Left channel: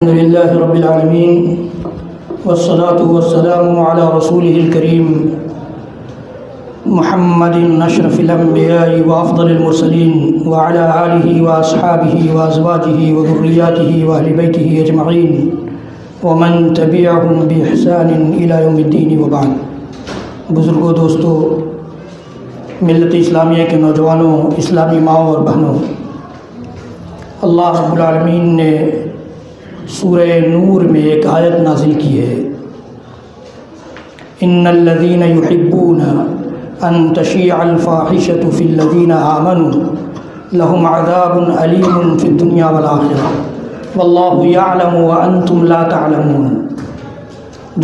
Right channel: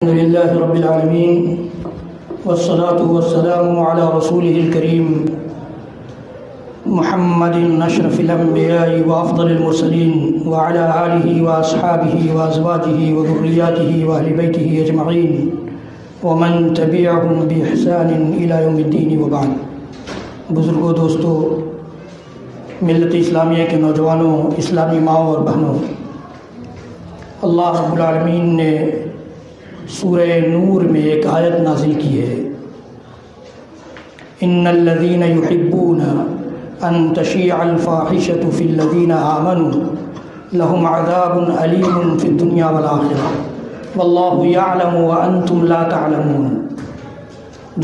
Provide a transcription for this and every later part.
الحمد لله رب العالمين والصلاة والسلام على رسوله الكريم محمد أشرف الأنبياء وأفضل المرسلين وعلى آله وأصحابه وأزواجه وذرياته وأهل بيته أجمعين ومن تبعهم بإحسان إلى يوم الدين وبعد. بزرگوں، دوستو، ملت اسلامیہ کے نوجوانوں، اسلامی ماؤں اور بہنوں، اللہ رب العالمین نے سورہ نور میں ایک آیت نازل کی ہے، ان الذین یحبون ان تشیع الفاحشۃ فی الذین آمنوا لهم عذاب علیم فی الدنیا والآخرہ واللہ یعلم وانتم لا تعلمون.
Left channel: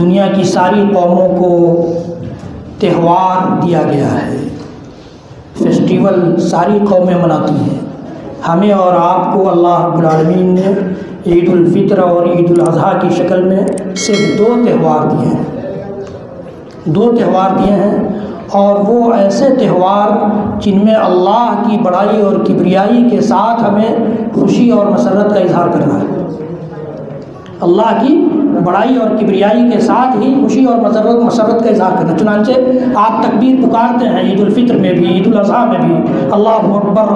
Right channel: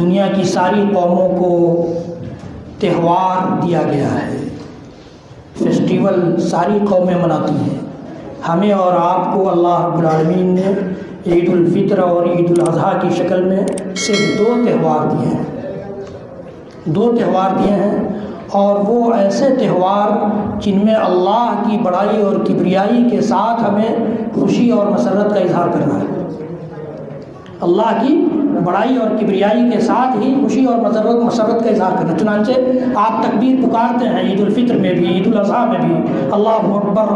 دنیا کی ساری قوموں کو تہوار دیا گیا ہے، فیسٹیول ساری قومیں مناتی ہیں. ہمیں اور آپ کو اللہ رب العالمین نے عید الفطر اور عید الاضحیٰ کی شکل میں صرف دو تہوار دیے ہیں اور وہ ایسے تہوار جن میں اللہ کی بڑائی اور کبریائی کے ساتھ ہمیں خوشی اور مسرت کا اظہار کرنا ہے. اللہ کی بڑائی اور کبریائی کے ساتھ ہی خوشی اور مسرت کا اظہار کرنا. چنانچہ آپ تکبیر پکارتے ہیں عید الفطر میں بھی، عید الاضحیٰ میں بھی، اللہ اکبر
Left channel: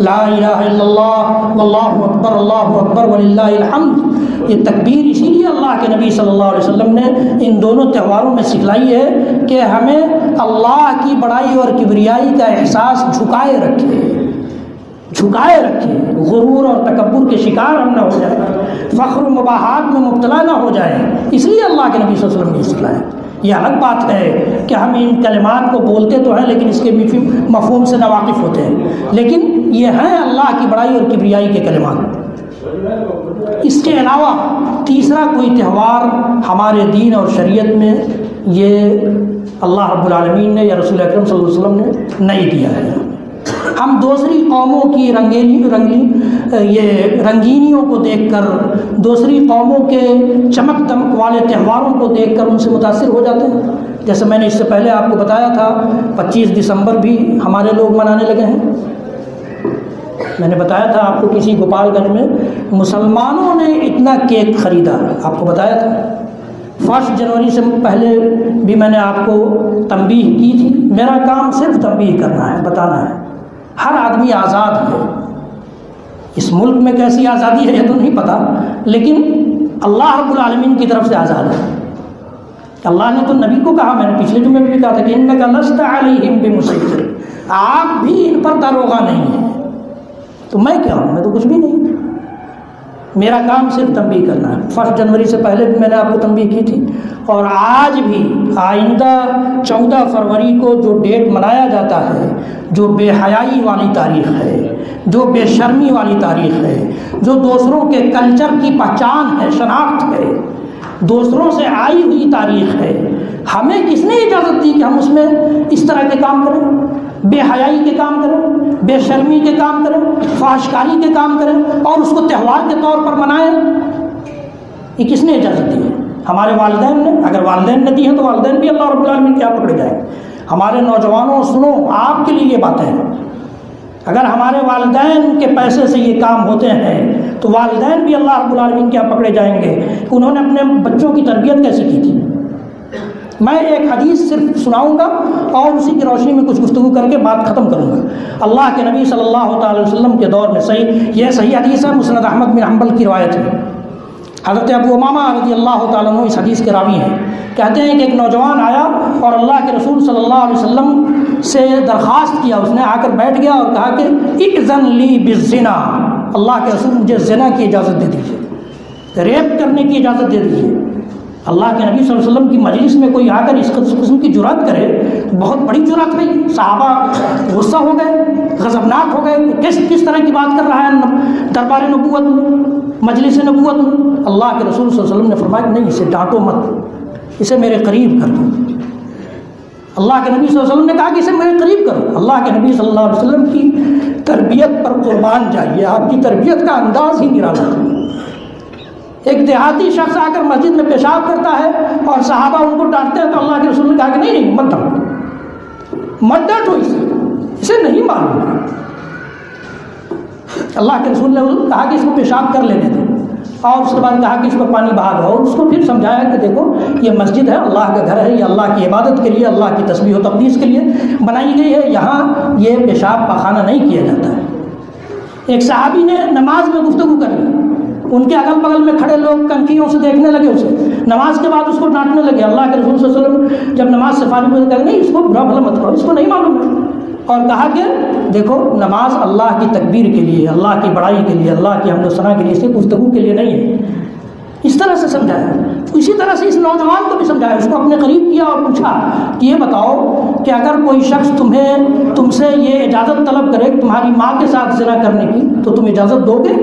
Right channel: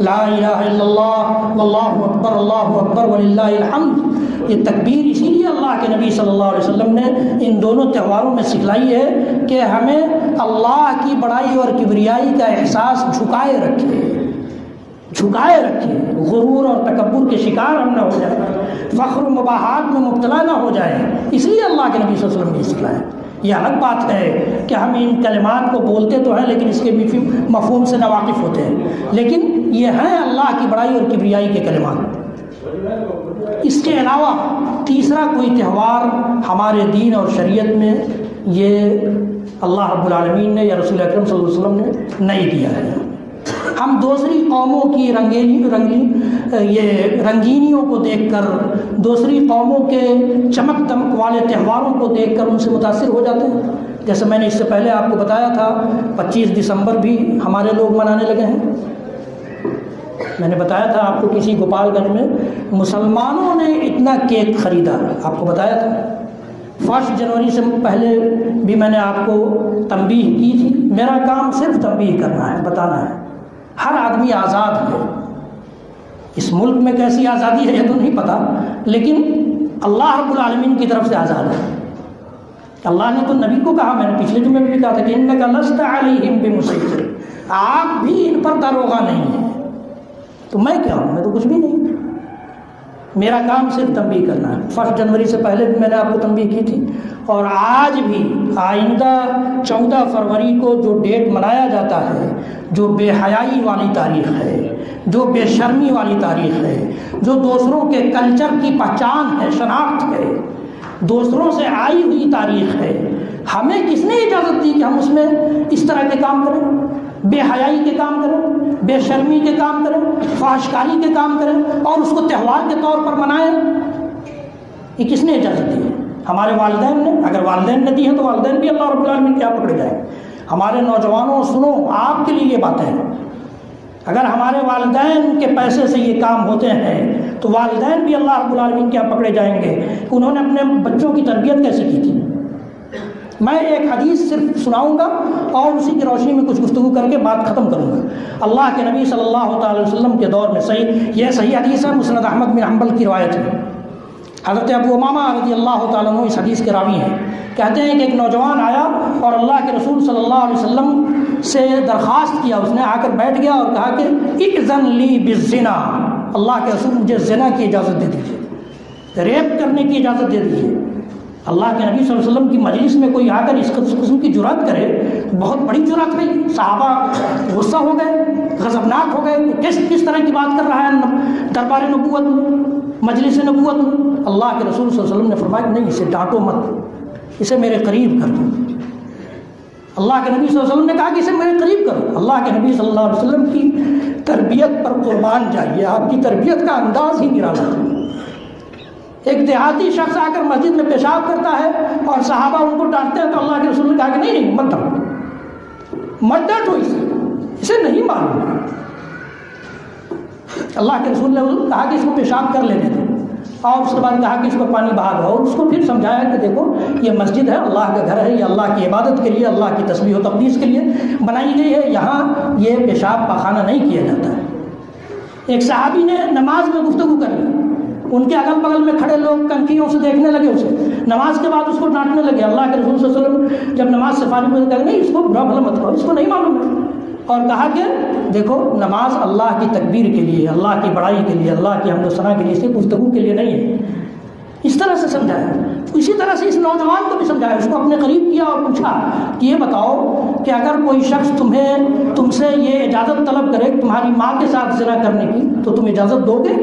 لا الہ الا اللہ واللہ اکبر وللہ الحمد. یہ تکبیر اسی لیے اللہ کے نبی صلی اللہ علیہ وسلم نے ان دونوں تہواروں میں سکھلائی ہے کہ ہمیں اللہ کی بڑائی اور کبریائی کا احساس جھکائے رکھے، غرور اور تکبر کے شکار ہم نہ ہو جائیں، فخر و مباحات میں مبتلا نہ ہو جائیں. اس لیے اللہ کے نبی صلی اللہ علیہ وسلم نے سکھلایا. یہ الگ بات ہے کہ ہم ان کلمات کو بولتے تو ہیں لیکن اس کے مفہوم سے ناواقف ہوتے ہیں، لیکن یہ ہیں اللہ کی بڑائی اور کبریائی کے کلمات. اس کے علاوہ تیسرا کوئی تہوار ہمارے دین اور شریعت میں یہ اللہ رب العالمین نے یا رسول اکرم صلی اللہ علیہ وسلم نے نہیں دیا ہے. ہم دوسری قوموں کی رنگینیوں کو دیکھ کر، دوسری قوموں کے چمک دمک والے تہواروں کو دیکھ کر ان سے متاثر ہو جاتے ہیں. جیسے میں نے اس سے پہلے آپ کو بتایا تھا 25 دسمبر بھی ہمارے لوگ منانے لگے ہیں. میں نے بتایا تھا آپ کو کسی گوپال گنج میں مسلمانوں نے اتنا کیک خریدا، آپ کو بتایا تھا. 1 جنوری سے پہلے بھی میں نے آپ کو تنبیہ کی تھی. میرا کام صرف تنبیہ کرنا ہے، بتانا ہے. ہر آدمی آزاد ہے. اس ملک میں کیسی آزادی ہے یہ تو نہیں پتا، لیکن اللہ رب العالمین کی طرف سے آزاد ہے. اللہ نے تو نبی کو کہا، میں نے پچھلے جمعے میں بھی کہا تھا کہ انک لست علیہم بمسیطر، آپ بھی ان پر داروغہ نہیں ہیں. تو میں کیا ہوں؟ میں تو کچھ بھی نہیں. میرا کام صرف تنبیہ کرنا ہے. 1 جنوری سے پہلے بھی میں نے آپ کو تنبیہ کی تھی، اور آج بھی آئندہ 14 فروری کو جو ڈیٹ منایا جاتا ہے، جو بے حیائی والی تاریخ ہے، جو بے شرمی والی تاریخ ہے، جو دوسروں کے کلچر کی پہچان ہے، شناخت ہے، دوسروں سے آئی ہوئی تاریخ ہے، ہمیں کس نے اجازت دی کہ ہم اس میں اس طرح کے کام کریں؟ بے حیائی کے کام کریں، بے شرمی کے کام کریں، فحشکاری کے کام کریں اور اس کو تہوار کے طور پر منائیں؟ یہ کس نے اجازت دی ہے؟ ہمارے والدین نے. اگر والدین نے دی ہیں تو والدین بھی اللہ رب العالمین کیا پکڑے جائیں. ہمارے نوجوانوں سنو، آپ کے لیے یہ باتیں ہیں. اگر ہمارے والدین کے پیسے سے یہ کام ہوتے ہیں تو والدین بھی اللہ رب العالمین کیا پکڑے جائیں گے کہ انہوں نے اپنے بچوں کی تربیت کیسے کی تھی. میں ایک حدیث صرف سناؤں گا اور اسی کی روشنی میں کچھ گفتگو کر کے بات ختم کروں گا. اللہ کے نبی صلی اللہ تعالی وسلم کے دور میں یہ صحیح حدیث ہے، مسند احمد بن حنبل کی روایت ہے. حضرت ابو امامہ رضی اللہ تعالیٰ عنہ اس حدیث کے راوی ہیں. کہتے ہیں کہ ایک نوجوان آیا اور اللہ کے رسول صلی اللہ علیہ وسلم سے درخواست کیا. اس نے آ کر بیٹھ گیا اور کہا کہ اذن لی بالزنا، اللہ کے رسول مجھے زنا کی اجازت دے دیجیے، ریپ کرنے کی اجازت دے دیجیے. اللہ کے نبی صلی اللہ علیہ وسلم کی مجلس میں کوئی آ کر اس قسم کی جرات کرے، بہت بڑی جرات ہے. صحابہ غصہ ہو گئے، غضبناک ہو گئے. کس طرح کی بات کر رہا ہے دربار نبوت میں، مجلس نبوت میں؟ اللہ کے رسول صلی اللہ علیہ وسلم نے فرمایا کہ نہیں، اسے ڈانٹو مت، اسے میرے قریب کر دو. اللہ کے نبی صلی اللہ علیہ وسلم نے کہا کہ اسے میرے قریب کرو. اللہ کے نبی صلی اللہ علیہ وسلم کی تربیت پر قربان جائیے، آپ کی تربیت کا انداز ہی نرالا ہے. ایک دیہاتی شخص آ کر مسجد میں پیشاب کرتا ہے اور صحابہ ان کو ڈانٹتے ہیں تو اللہ کے رسول نے کہا کہ نہیں مت ڈانٹو، اسے نہیں معلوم. اللہ کے رسول نے کہا کہ اس کو پیشاب کر لینے دیں. اور اس کے بعد کہا کہ اس پر پانی بہا دو، اور اس کو پھر سمجھایا کہ دیکھو یہ مسجد ہے، اللہ کا گھر ہے، یہ اللہ کی عبادت کے لیے، اللہ کی تسبیح و تقدیس کے لیے بنائی گئی ہے، یہاں یہ پیشاب پاخانہ نہیں کیا جاتا ہے۔ ایک صحابی نے نماز میں گفتگو کر لی، ان کے اگل بغل میں کھڑے لوگ کنکھیوں سے دیکھنے لگے اسے، نماز کے بعد اس کو ڈانٹنے لگے۔ اللہ کے رسول صلی اللہ علیہ وسلم جب نماز سے فارغ ہوئے کہا نہیں اس کو برا بھلا مت کرو، اس کو نہیں معلوم ہے، اور کہا کہ دیکھو نماز اللہ کی تکبیر کے لیے، اللہ کی بڑائی کے لیے، اللہ کی حمد و ثنا کے لیے، اس کی گفتگو کے لیے نہیں ہے۔ اس طرح سے سمجھایا۔ اسی طرح سے اس نوجوان کو بھی سمجھایا، اس کو اپنے قریب کیا اور پوچھا کہ یہ بتاؤ کہ اگر کوئی شخص تم سے یہ اجازت طلب کرے کہ تمہاری ماں کے ساتھ زنا کرنے کی تو تم اجازت دو گے؟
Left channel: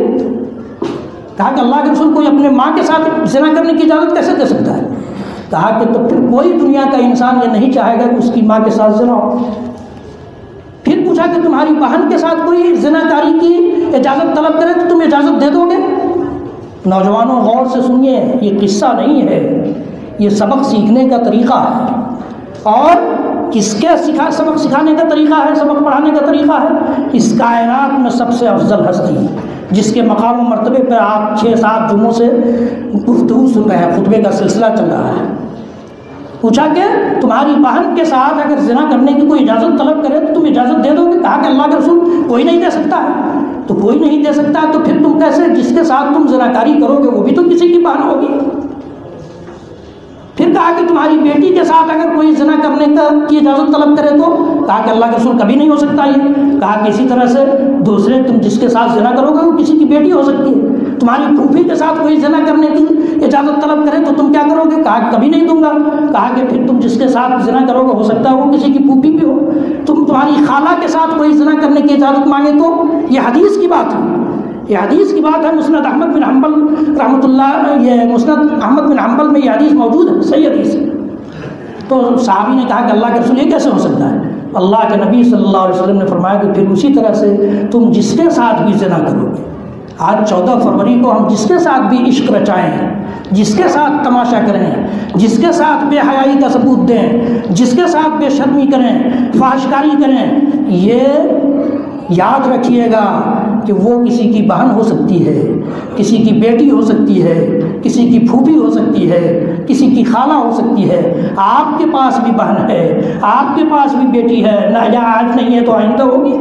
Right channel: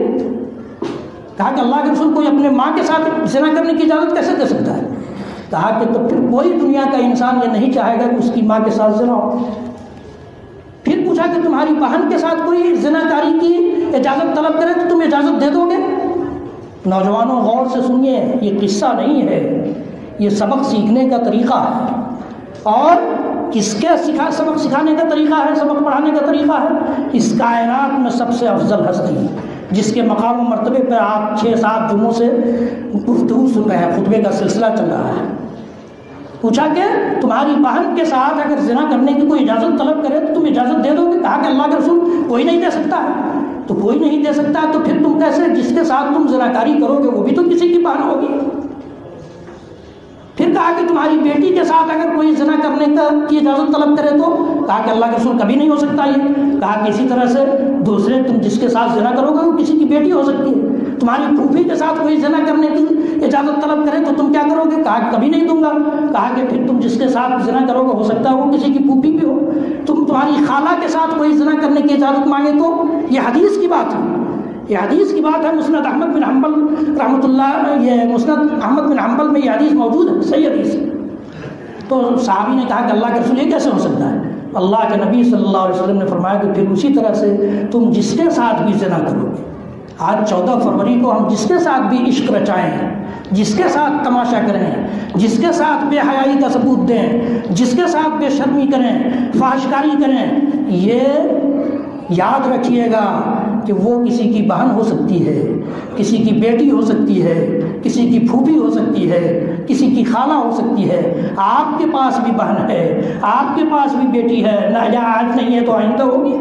کہا کہ اللہ کے رسول کوئی اپنے ماں کے ساتھ زنا کرنے کی اجازت کیسے دے سکتا ہے؟ کہا کہ تو پھر کوئی دنیا کا انسان یہ نہیں چاہے گا کہ اس کی ماں کے ساتھ زنا ہو۔ پھر پوچھا کہ تمہاری بہن کے ساتھ کوئی زنا کاری کی اجازت طلب کرے تو تم اجازت دے دو گے؟ نوجوانوں غور سے سنیے، یہ قصہ نہیں ہے، یہ سبق سیکھنے کا طریقہ ہے۔ اور کس کے سبق سکھانے کا طریقہ ہے، سبق پڑھانے کا طریقہ ہے؟ اس کائنات میں سب سے افضل ہستی جس کے مقام و مرتبے پر آپ 6-7 جمعوں سے گفتگو سن رہے ہیں، خطبے کا سلسلہ چل رہا ہے۔ پوچھا کہ تمہاری بہن کے ساتھ اگر زنا کرنے کی کوئی اجازت طلب کرے تو تم اجازت دے دو گے؟ کہا کہ اللہ کے رسول کوئی نہیں دے سکتا ہے۔ تو کوئی نہیں دے سکتا تو پھر تم کیسے، جس کے ساتھ تم زناکاری کرو گے وہ بھی تو کسی کی بہن ہوگی۔ پھر کہا کہ تمہاری بیٹی کے ساتھ اگر کوئی زنا کرنے کی اجازت طلب کرے تو؟ کہا کہ اللہ کے رسول کبھی نہیں ہو سکتا یہ۔ کہا کہ اسی طرح سے دوسرے تم جس کے ساتھ زنا کرو گے وہ کسی کی بیٹی ہو سکتی ہے۔ تمہاری پھوپھی کے ساتھ کوئی زنا کرنے کی اجازت طلب کرے تو تم کیا کرو گے؟ کہا کہ کبھی نہیں دوں گا۔ کہا کہ پھر تم جس کے ساتھ زنا کرو گے ہو سکتا ہے وہ کسی کی پھوپھی بھی ہو۔ تمہاری خالہ کے ساتھ کوئی زنا کرنے کی اجازت مانگے تو؟ یہ حدیث کی بات ہے، یہ حدیث کی بات ہے۔ مسند احمد بن حنبل رحمۃ اللہ، یہ مسند احمد بن حنبل میں یہ حدیث موجود ہے، صحیح حدیث ہے۔ تو صحابی نے کہا کہ اللہ کے رسول یہ کیسے ہو سکتا ہے؟ اللہ کے نبی صلی اللہ علیہ وسلم نے فرمایا کہ پھر اسی طرح سے تم جس کے ساتھ بھی زنا کرو گے۔ آج 14 فروری کو ہم جس کے ساتھ بھی عشق رچائیں، جس کے ساتھ تماشا کریں، جس کے ساتھ بے حیائی کا ثبوت دیں، جس کے ساتھ بے شرمی کریں، فحشکاری کریں، یہ یاد رکھیے گا کہ وہ کسی کی بہن ہو سکتی ہے، کسی کی بیٹی ہو سکتی ہے، کسی کی پھوپھی ہو سکتی ہے، کسی کی خالہ ہو سکتی ہے۔ آپ کے پاس بھی بہن ہے، آپ کے پاس بھی بیٹی ہے، نہ آج نہیں ہے تو آئندہ ہوگی۔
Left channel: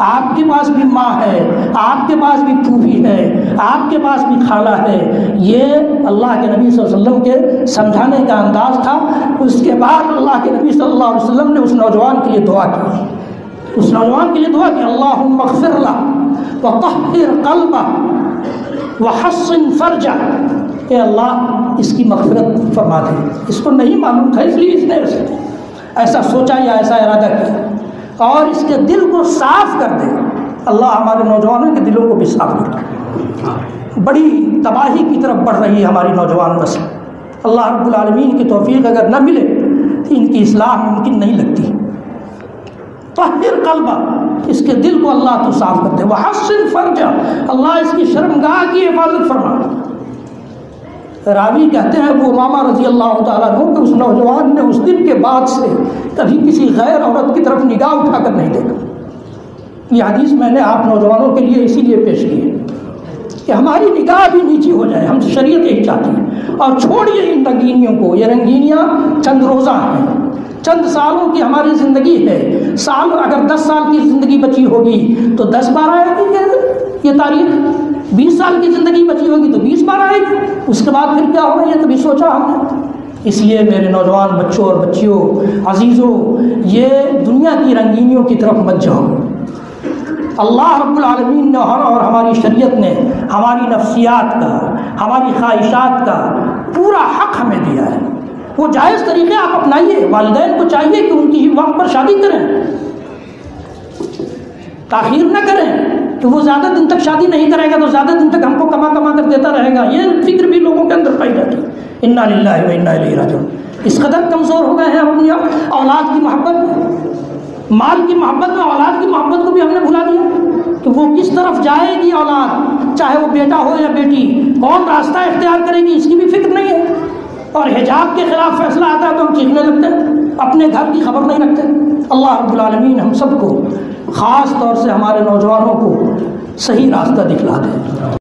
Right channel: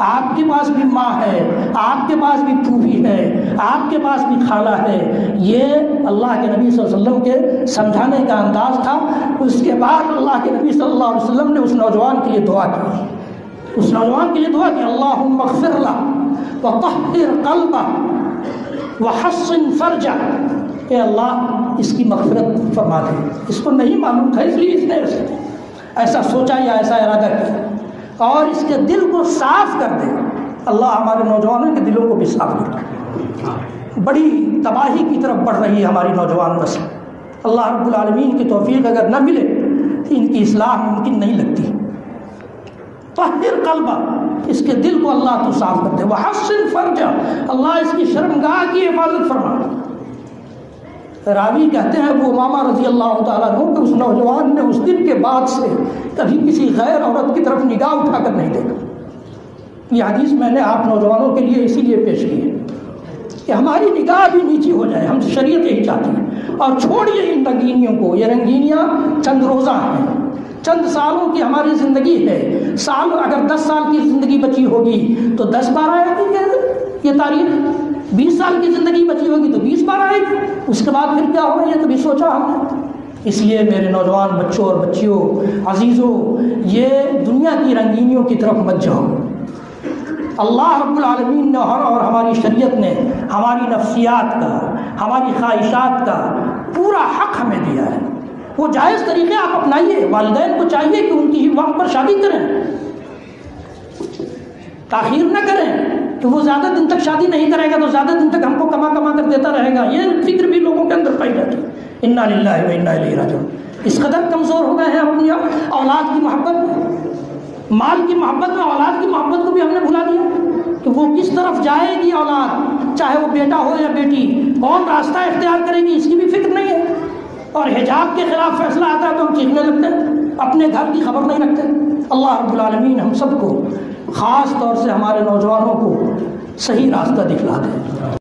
آپ کے پاس بھی ماں ہے، آپ کے پاس بھی پھوپھی ہے، آپ کے پاس بھی خالہ ہے۔ یہ اللہ کے نبی صلی اللہ علیہ وسلم کے سمجھانے کا انداز تھا۔ اس کے بعد اللہ کے نبی صلی اللہ علیہ وسلم نے اس نوجوان کے لیے دعا کی، اس نوجوان کے لیے دعا کی، اللہم اغفر لہ وطہر قلبہ وحسن فرجہ، کہ اللہ اس کی مغفرت فرما دے۔ اس کو نہیں معلوم تھا اس لیے اس نے ایسا سوچا یا ایسا ارادہ کیا، اور اس کے دل کو صاف کر دے۔ اللہ ہمارے نوجوانوں کے دلوں کو بھی صاف کر دے۔ بڑی تباہی کی طرف بڑھ رہی ہے ہماری نوجوان نسل۔ اللہ رب العالمین کی توفیق اگر نہ ملے تو ان کی اصلاح ممکن نہیں لگتی۔ طہر قلبہ، اس کے دل کو اللہ تو صاف کر دے، وحسن فرجہ، اللہ اس کی شرمگاہ کی حفاظت فرما۔ راوی کہتے ہیں ابو امامہ رضی اللہ تعالیٰ عنہ کہ اس نوجوان نے اس دن کے بعد سے کبھی کسی غیر عورت کی طرف نگاہ اٹھا کر نہیں دیکھا۔ یہ حدیث میں نے آپ نوجوانوں کے لیے اسی لیے پیش کی ہے کہ ہماری نگاہ بھی نیچی ہو جائے، ہم شریعت یہی چاہتے ہیں۔ اور چھوڑیے ان رنگینیوں کو، یہ رنگینیاں چند روزہ ہیں، چند سالوں کی ہماری زندگی ہے۔ سال اگر 10 سال کی زندگی بچی ہوگی تو 10-12 آئے گی یہ تاریخ، 20 سال کی زندگی بچی ہوگی تو 20-12 آئے گی، اس کے بعد پھر کیا ہوگا یہ کبھی سوچا ہم نے؟ اس لیے میرے نوجوان بچوں اور بچیوں عزیزوں، یہ دنیا کی رنگینیوں کی طرف مت جاؤ۔ اللہ رب العالمین نے اور ہماری شریعت نے ہماری نفسیات کا، ہماری خواہشات کا پورا حق ہمیں دیا ہے۔ وہ جائز طریقے آپ اپنائیے، والدین کو چاہیے کہ ان کی وقت پر شادی کریں، تاخیر نہ کریں کہ وہ زیادہ دن تک شادی نہیں کرے گا تو زیادہ دن تک ہم کو کما کر دیتا رہے گا۔ یہ فکر بھی لوگوں کے اندر پائی جاتی ہے۔ انا للہ و انا الیہ راجعون۔ اس قدر کمزور ہو گئے ہیں ہم اپنی اولاد کی محبت میں، مال کی محبت میں اولاد کی محبت کو بھی ہم نے بھلا دیا کہ وہ کس طرف جائے گی اولاد، چاہے وہ بیٹا ہو یا بیٹی، کون راستہ اختیار کرے گی اس کی بھی فکر نہیں ہے۔ اور حجاب کے خلاف فیصلہ آتا ہے تو ہم چیخنے لگتے ہیں، اپنے گھر کی خبر نہیں رکھتے۔ اللہ رب العالمین ہم سب کو، خاص طور سے ہمارے نوجوانوں کو صحیح راستہ دکھلا دے۔